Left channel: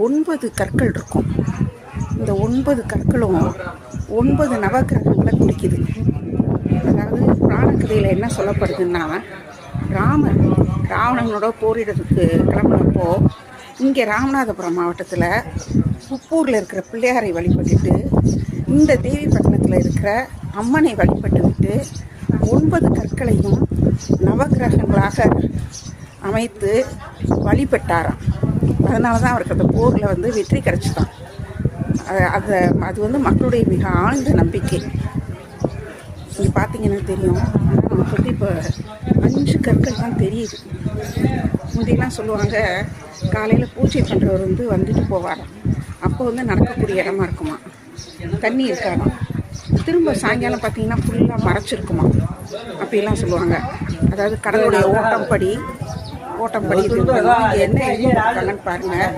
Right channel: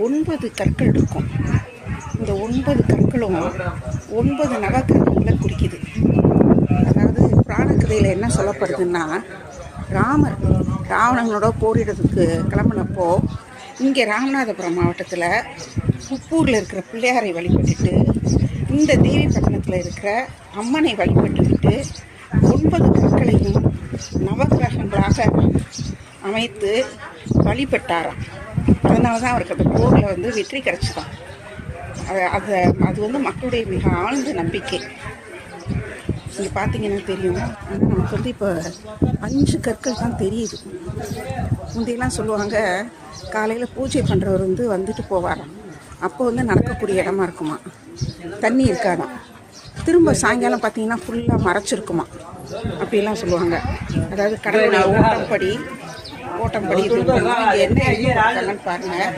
9 கற்கள் இருக்கும். இந்த 9 கற்களும் 9 நவக்கிரகங்களை குறிக்குது. அதாவது புராண கதையில் என்ன சொல்லப்படுதுன்னா, ராமர் ராவணனோட போரிடுறதுக்கு கிளம்புனப்போ இங்கே ராமநாதபுரம் மாவட்டத்தில் உப்பூரில் இருக்கிற பிள்ளையாரை வழிபட்டுட்டு இந்த தேவிப்பட்டினத்தில் இருக்கிற அம்மனை வழிபட்டுவிட்டு 9 கற்களையும் நவக்கிரகங்களாக அமைத்து வழிபட்டாராம். அதனால தான் அவருக்கு அந்த போரில் வெற்றி கிடைச்சிதான். அது மக்களுடைய மிக ஆழ்ந்த நம்பிக்கை. நீங்கள் பார்த்தீங்கன்னா தெரியும். ஆனால் நமக்கு இப்போ 5 கற்கள் தான் தெரியுது. முந்தையெல்லாம் சொல்லுவாங்க, காலையில் பூஜை பண்ணுறவர் வந்துட்டு போவாராம். அப்போ நடக்கக்கூடிய இடமா இருக்குமா, தண்ணி இருக்காதாம். திரும்ப சாயங்காலம் பார்த்தீங்கன்னா ஃபுல்லாக மறைச்சிருக்குமா, அப்படிலாம் சொல்லுவாங்க. அதாவது கடவுளுடைய ஓட்டம்படி இது இங்கே என்ன எழுதி கொடுத்தாங்கன்னு பாருங்கள்.